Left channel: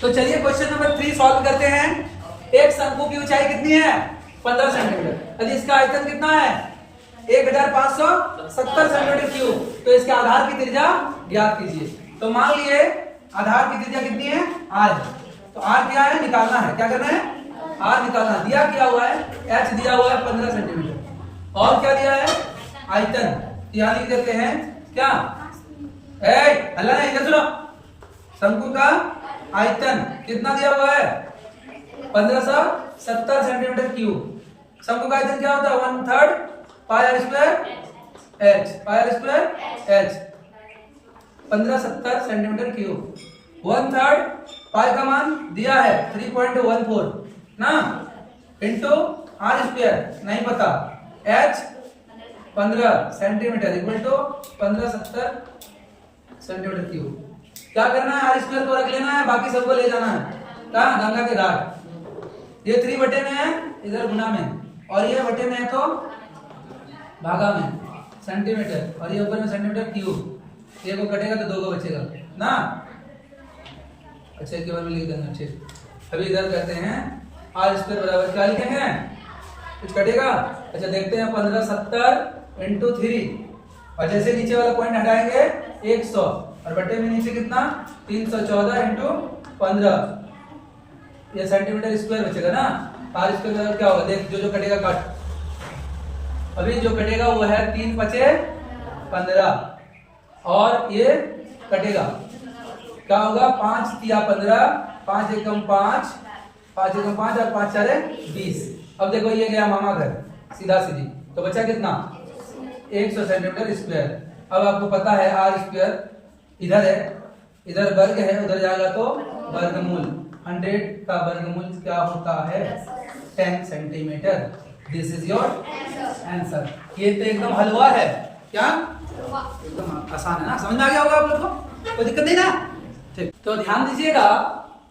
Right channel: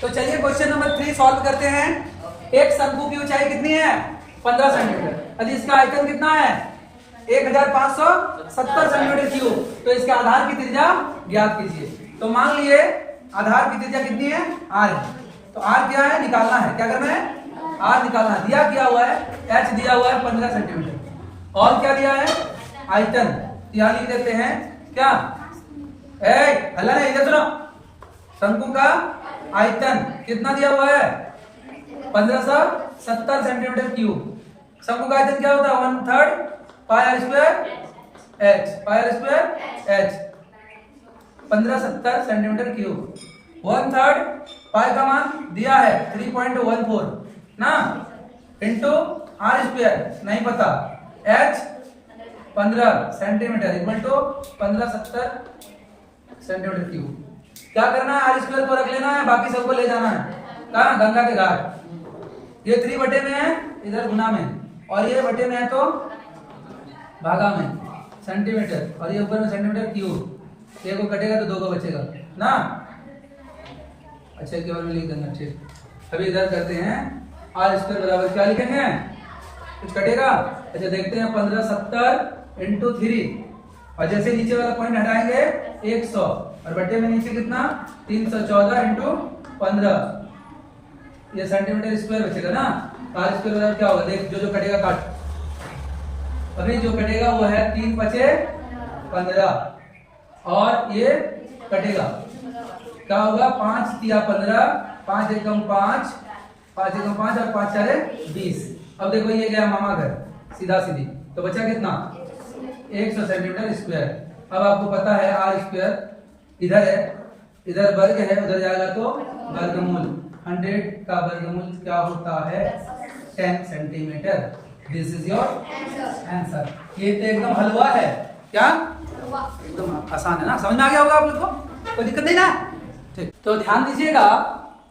तो चलिए question number 3 solve करते हैं। एक शंकु की ऊंचाई कितनी है? 15 सेंटीमीटर। और इसका आयतन कितना है? 1570 सेंटीमीटर क्यूब। तो इसके आधार की त्रिज्या ज्ञात कीजिए। तो मान लीजिए आधार की त्रिज्या कितनी है? r है। तो r क्या है? निकालना है। क्या करना है? r निकालना है। दिया क्या हुआ है? h दिया हुआ है 15 सेंटीमीटर। और क्या दिया है? आयतन। यहाँ लिख देते हैं क्या? अल्लाह ने इधर सुनो। शंकु का आयतन कितना दिया हुआ है? 1570 सेंटीमीटर क्यूब। शंकु का आयतन क्या होता है? 1/3 पाई r स्क्वायर h। पाई r square h 1570 centimetre cube. 1/3 पाई का मान दिया है 3.14 ना, इंटू r स्क्वायर नहीं पता, h 15 centimetre equal to 1570 centimetre cube. क्या करना है? r स्क्वायर को रख लेना है, बाकी सबको ले जाना है कहाँ? गंगा के घाट। ये 3 बटे में है इधर गुना में, और ये बटे में है तो भागा में सेंटीमीटर, और ये ऊपर में सेंटीमीटर क्यूब। एक को कटेगा तो 2 को बचेगा ना। अच्छा एक बार में लिख देंगे। अच्छे अभी इधर करते हैं। r स्क्वायर बराबर क्या लिखेंगे? कुछ कटेगा। अच्छा देखते हैं 1570 इंटू 3, और जैसे नीचे वाला पॉइंट हटाएंगे 100, और बटे में नीचे कितना? 314 इंटू 15, ये सेंटीमीटर स्क्वायर बचेगा ना। r स्क्वायर बराबर क्या होगा? देख जो जो कटेगा काट। अभी जो कटेगा वो है 3 5 15, और ये कटेगा क्या होगा? 5 3 15, 5 एकम 5, 5 एकम 5 और 5 4 20। अब देखो ये गया मामा घर सीधा सीधी, तो बचा कितना? 100 सेंटीमीटर स्क्वायर। अब आपको पता है r स्क्वायर इधर है, इधर वर्ग है, उधर जाएगा तो वर्गमूल। 100 का वर्गमूल क्या होता है? 10 centimetre. This is your answer. ये तो एकदम हलवा है। क्या? एकदम आसान है ना, समझ में आ गया होगा आप लोग को, कोई दिक्कत नहीं ना। ठीक, तो ध्यान दीजिएगा,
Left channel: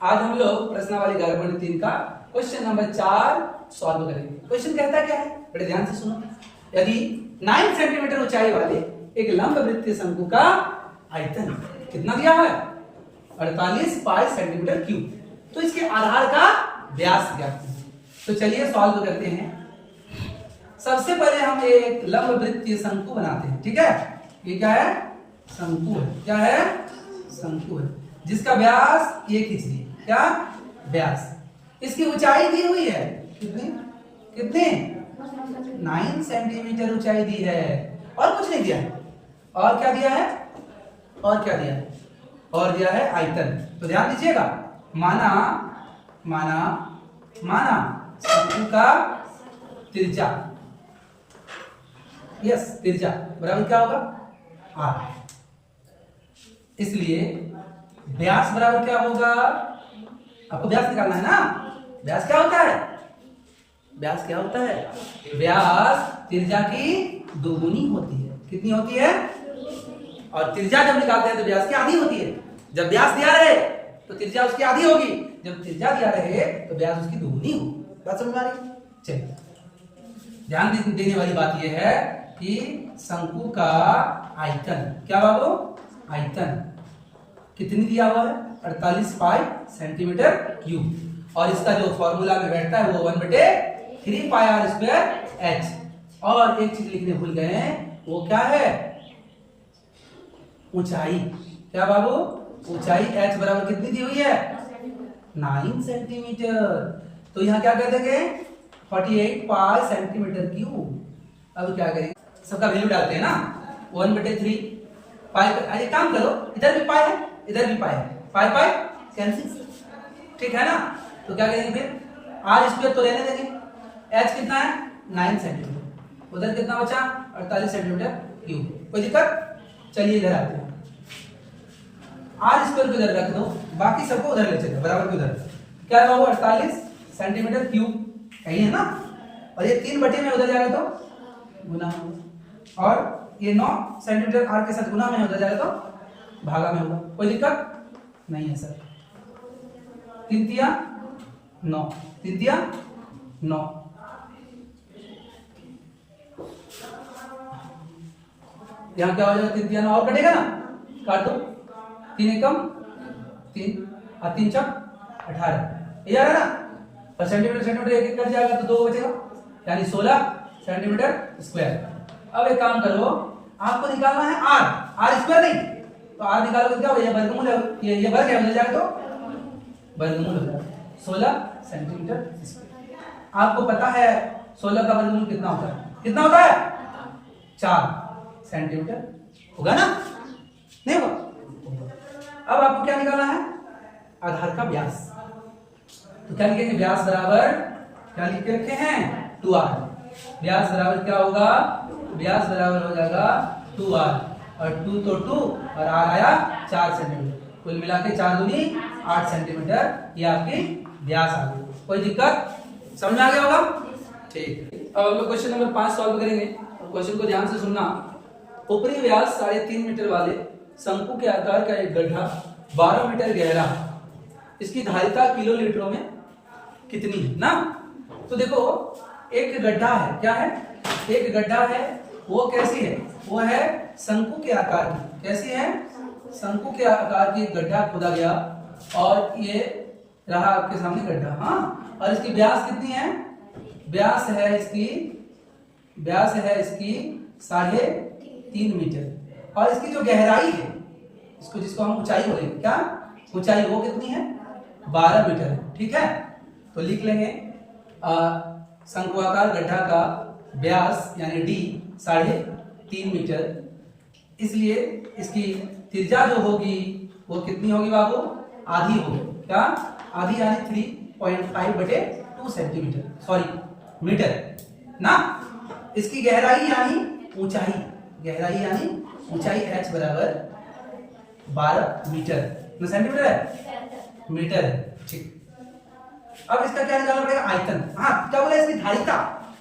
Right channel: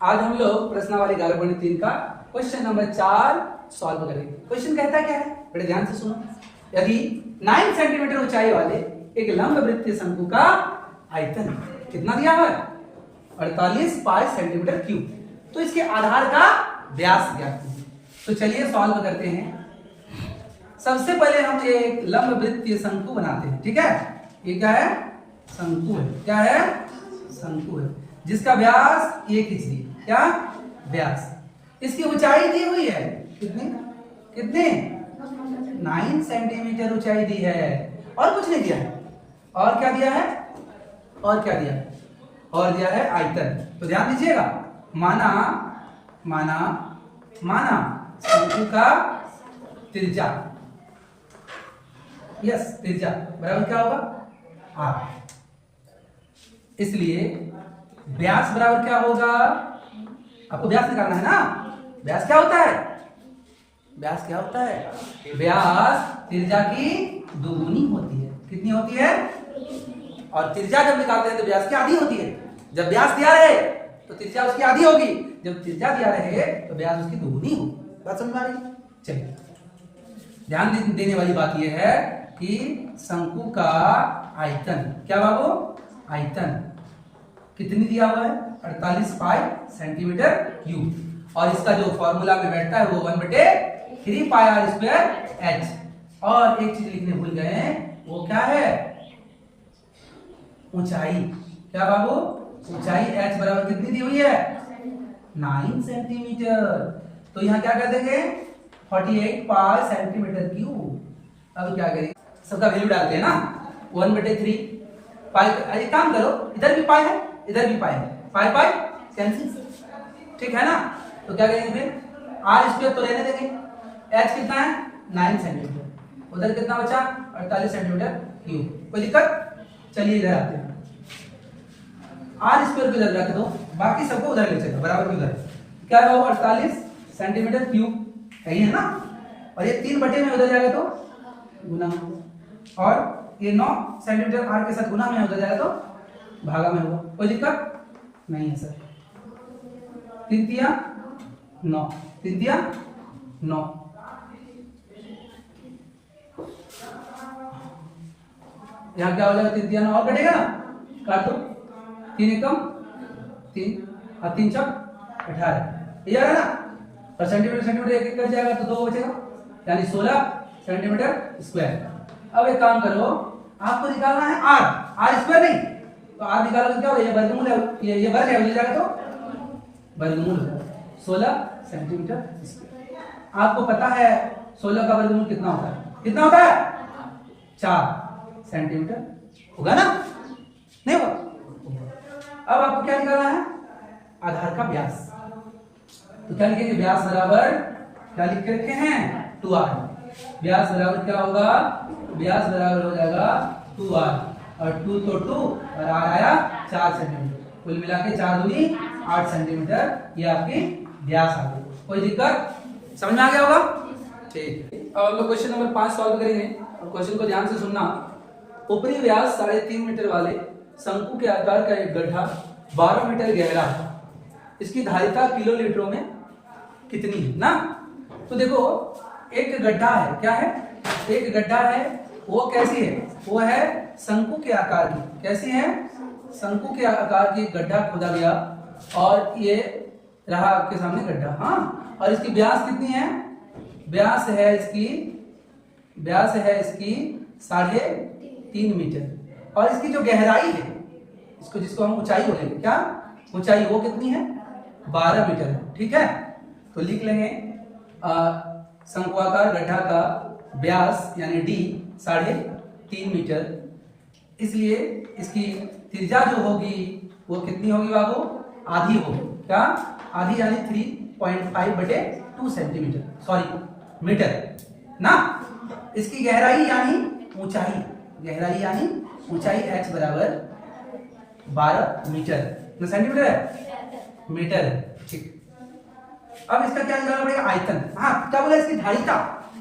आज हम लोग प्रश्नावली 11.3 का क्वेश्चन नंबर 4 सॉल्व करेंगे। क्वेश्चन कहता क्या है? बड़े ध्यान से सुनो। यदि 9 सेंटीमीटर ऊंचाई वाले एक लंब वृत्तीय शंकु का आयतन कितना दिया हुआ है? 48 पाई सेंटीमीटर क्यूब, तो इसके आधार का व्यास ज्ञात कीजिए। तो चलिए सॉल्व करते हैं। सबसे पहले हम एक लंब वृत्तीय शंकु बनाते हैं। ठीक है, ये क्या है? शंकु है। क्या है? शंकु है, जिसका व्यास ये कीजिए। क्या व्यास? इसकी ऊंचाई दी हुई है कितनी? कितनी? 9 सेंटीमीटर ऊंचाई दी है, और कुछ नहीं दिया है। और क्या दिया है? और क्या दिया है? और दिया है आयतन। तो ध्यान दीजिएगा, माना माना माना शंकु का त्रिज्या, यस त्रिज्या बराबर क्या होगा? r। इसलिए व्यास बराबर क्या होगा? आपको व्यास निकालना है ना। व्यास क्या होता है? व्यास क्या होता है? व्यास त्रिज्या की दोगुनी होती है। कितनी होती है? और त्रिज्या जब निकालते हैं तो व्यास की आधी होती है। जब व्यास दिया रहे तो त्रिज्या उसकी आधी होगी, जब त्रिज्या दिया रहे तो व्यास उसकी दोगुनी होगी। बात समझ में आ रही है? चलिए, ध्यान देने वाली बात यह है कि शंकु का आयतन, क्या बाबू? आयतन कितनी दिया हुआ है? 48 पाई सेंटीमीटर क्यूब, और इसका जो फॉर्मूला में बैठता है वो 1/3 पाई r स्क्वायर h। और एक चीज लिखने भूल गए हैं, वो क्या है? ऊंचाई। क्या बाबू? ऊंचाई h बराबर कितनी दी हुई है? 9 सेंटीमीटर। तो यहाँ क्या कर देंगे? 48 पाई सेंटीमीटर क्यूब। अब क्या करेंगे? सबका वैल्यू डालते हैं ना। 1/3 पाई। एक काम करो, इधर भी पाई है, इधर भी पाई है, पाई पाई कैंसिल। ठीक है ना। तो क्या करेंगे फिर? r स्क्वायर तो रहने देंगे। h कितना है? 9 सेंटीमीटर। उधर कितना बचा? 48 सेंटीमीटर क्यूब। कोई दिक्कत? चलिए इधर आते हैं। r स्क्वायर को इधर रख दो, बाकी सबको उधर ले चलो, बराबर की उधर। क्या है वो? 48 सेंटीमीटर क्यूब यही है ना। और ये 3 बटे में उधर जाएगा तो गुना होगा, और ये 9 सेंटीमीटर r के साथ गुना में उधर जाएगा तो भागा में होगा। कोई दिक्कत नहीं है सर। 3 तिया 9, 3 तिया 9। यहाँ क्या हो जाएगा? 3 9 और कटेगा ना, काट दो। 3 एकम 3 और 3 चौक 18 ये आ रहा है ना, और सेंटीमीटर सेंटीमीटर एक एक कट जाएगा तो 2 बचेगा, यानी 16 सेंटीमीटर स्क्वायर। अब एक काम करो, आपको निकालना है आर स्क्वायर नहीं, तो आर निकालोगे क्या होगा, ये वर्गमूल है, ये वर्ग है, जाएगा तो वर्गमूल होगा 16 सेंटीमीटर स्क्वायर। आपको पता है 16 का वर्गमूल कितना होता है, कितना होता है 4 सेंटीमीटर, होगा ना, नहीं होगा। अब आपको क्या निकालना है, आधार का व्यास, तो क्या लिखेंगे, व्यास बराबर क्या लिख के रखे हैं 2r, व्यास बराबर क्या होगा, व्यास बराबर हो जाएगा 2r, और 2 तो 2 और r आया 4 सेंटीमीटर, कुल मिला के 4 दूनी 8 सेंटीमीटर, ये आपकी व्यास आ गई। कोई दिक्कत, समझ में आ गया होगा, ठीक। अब हम लोग क्वेश्चन नंबर 5 सॉल्व करेंगे, और क्वेश्चन को ध्यान से सुनना। ऊपरी व्यास 3.5 मीटर वाले शंकु के आकार का एक गड्ढा 12 मीटर गहरा, इसकी धारिता किलो लीटरों में कितनी है ना। तो देखो एक गड्ढा है, क्या है, एक गड्ढा है, वो कैसी है, वो है शंकु के आकार की, कैसी है, शंकु के आकार की गड्ढा खोदा गया, और ये रहा आपके सामने गड्ढा, हाँ, और इसकी व्यास कितनी है, व्यास है इसकी 3.5 मीटर, और इसकी जो गहराई है, इसको जिसको हम ऊंचाई बोलेंगे, क्या ऊंचाई, वो कितनी है 12 मीटर है, ठीक है। तो लिख लेंगे शंक्वाकार गड्ढा का व्यास यानी d 3.5 मीटर, इसलिए इसकी त्रिज्या जो होगी वो कितनी होगी बाबू, आधी होगी, क्या आधी, यानी 3.5/2 सेंटीमीटर, सॉरी मीटर ना। इसकी गहराई यानी ऊंचाई, गहराई यानी ऊंचाई h बराबर 12 मीटर, सेंटीमीटर है, मीटर है, ठीक। अब इसका क्या निकालना पड़ेगा, आयतन, हाँ क्या बोला, इसकी धारिता,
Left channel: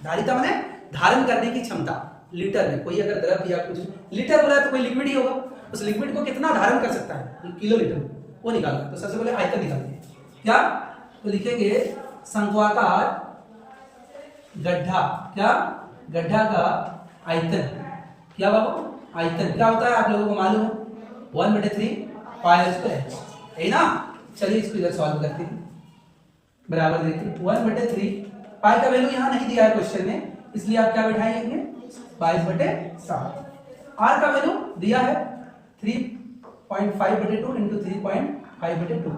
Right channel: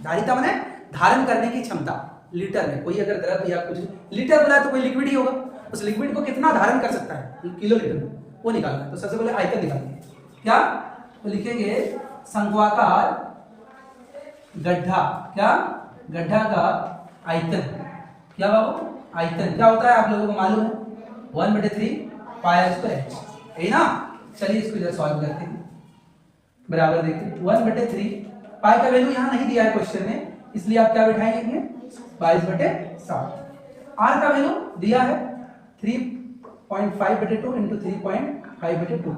धारिता माने धारण करने की क्षमता, लीटर में, कोई अगर द्रव या कुछ लीटर बोला तो कोई लिक्विड ही होगा, उस लिक्विड को कितना धारण कर सकता है किलो लीटर में, वो निकालना। तो सबसे पहले आयतन निकालेंगे, क्या, तो लिखेंगे शंक्वाकार गड्ढा, क्या गड्ढा का आयतन, क्या बाबू, आयतन क्या होता है आप लोगों को मालूम है, 1/3 पाई स्क्वायर, यही ना। चलिए इसको इधर सॉल्व करते हैं, बराबर देखिए 1/3 पाई का वैल्यू यहाँ नहीं दिया है क्वेश्चन में, इसलिए आप क्या बैठाएंगे 22/7, आर का वैल्यू दिया है 3.5/2 इंटू 3.5/2,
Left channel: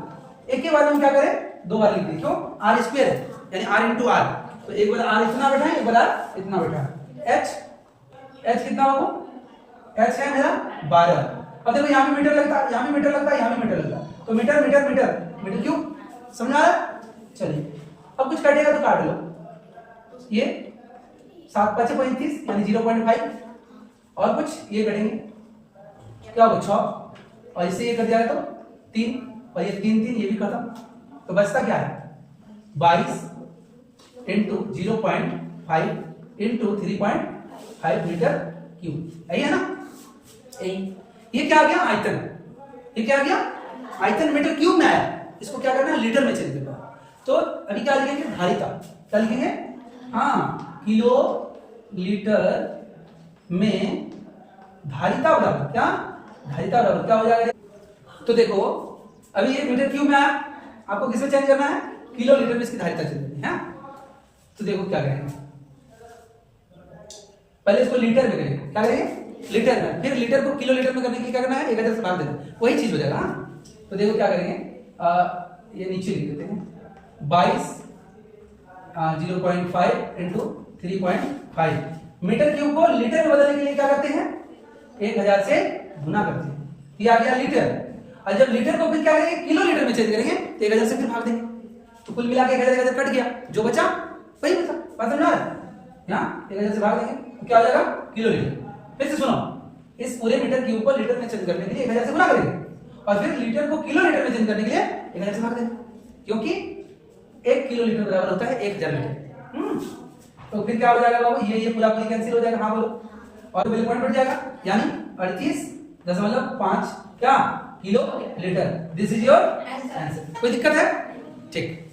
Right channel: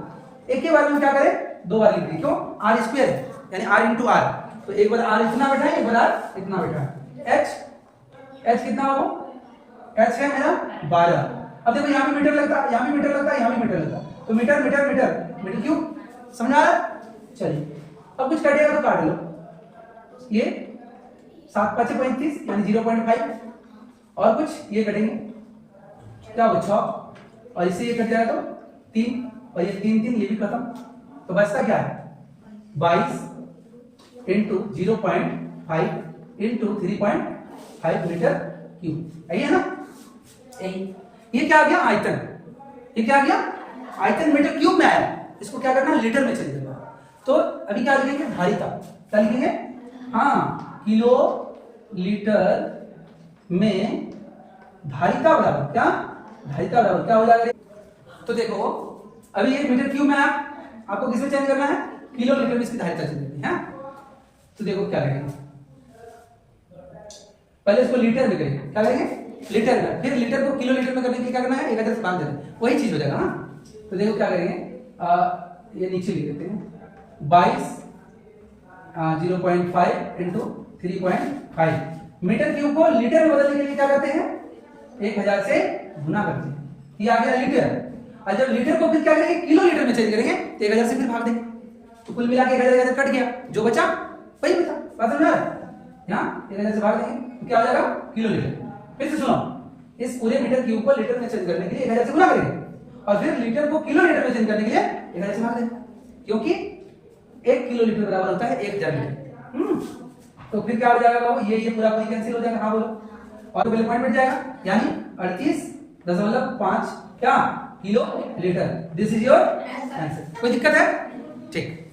एक के बाद में क्या करें, 2 बार लिख दें, क्यों, आर स्क्वायर है, यानी आर इंटू आर, तो एक बार आर इतना बैठा है, एक बार आर इतना बैठा है, एच कितना हो, एच है मेरा 12। अब देखो यहाँ भी मीटर लगता है, यहाँ भी मीटर लगता है, यहाँ भी मीटर लगता है, तो metre metre metre metre cube, समझ आ रहा है। चलिए अब कुछ कटेगा तो काट लो, ये 7×5 = 35 यानी 0.5, और कुछ ये कटेंगे, क्या हो 6, और इससे ये कट जाएगा तो 3, और ये 3 3 ये भी खत्म, तो बचता क्या है 22 इंटू 0.5 इंटू 3.5 मीटर क्यूब, यही है ना, यही। ये क्या आ गया आयतन, ये क्या आ गया आयतन, मीटर क्यूब में आया, इसको क्या करना है लीटर में चेंज करना। तो अभी क्या लिखेंगे, धारिता, क्या लिखेंगे, हाँ किलो लीटर में धारिता बराबर, क्या धारिता बराबर क्या हो जाएगा, तो देखो अभी ये मीटर क्यूब में आया, आपको किसमें चेंज करना है, किलो लीटर में इसकी धारिता चेंज करनी है। तो देखो क्या करेंगे, पहले इसको लीटर में करेंगे, क्या करेंगे लीटर में, फिर लीटर को किलो लीटर में करने के लिए क्या करना है 1000 से भाग देना, वही चीज हो जाएगा। हाँ तो देखो क्या करेंगे, ये नीचे लिख देते हैं 22 0.5 इंटू 3.5, मीटर क्यूब को लीटर में बदलने के लिए क्या करते हैं 1000 से गुना करते हैं, ये आ गया लीटर। और जब लीटर को फिर क्या करेंगे किलो लीटर में चेंज करेंगे तो 1000 से फिर भाग देंगे, तो कुल मिला के 1000 कट गया, जो बचा वही बचा, बात समझ आ रहा है, यहाँ 1000 से भाग देंगे तो क्या हो जाएगा किलो लीटर। फिर से सुनो, इस पूरे मीटर क्यूब को लीटर में चेंज करने के लिए 1000 से गुना करेंगे, और फिर लीटर को किलो लीटर में चेंज करने के लिए 1000 से भाग देंगे, क्योंकि 1 किलो लीटर बराबर होता है 1000 लीटर। तो फिर क्या हो जाएगा बाबू, ये पूरा पूरी कैंसिल हो जाएगा, हाँ बोलो, और पहले पॉइंट बढ़ जाएगा, यानी 38.5 क्या kilo litre. This is your answer. कोई दिक्कत है, ठीक।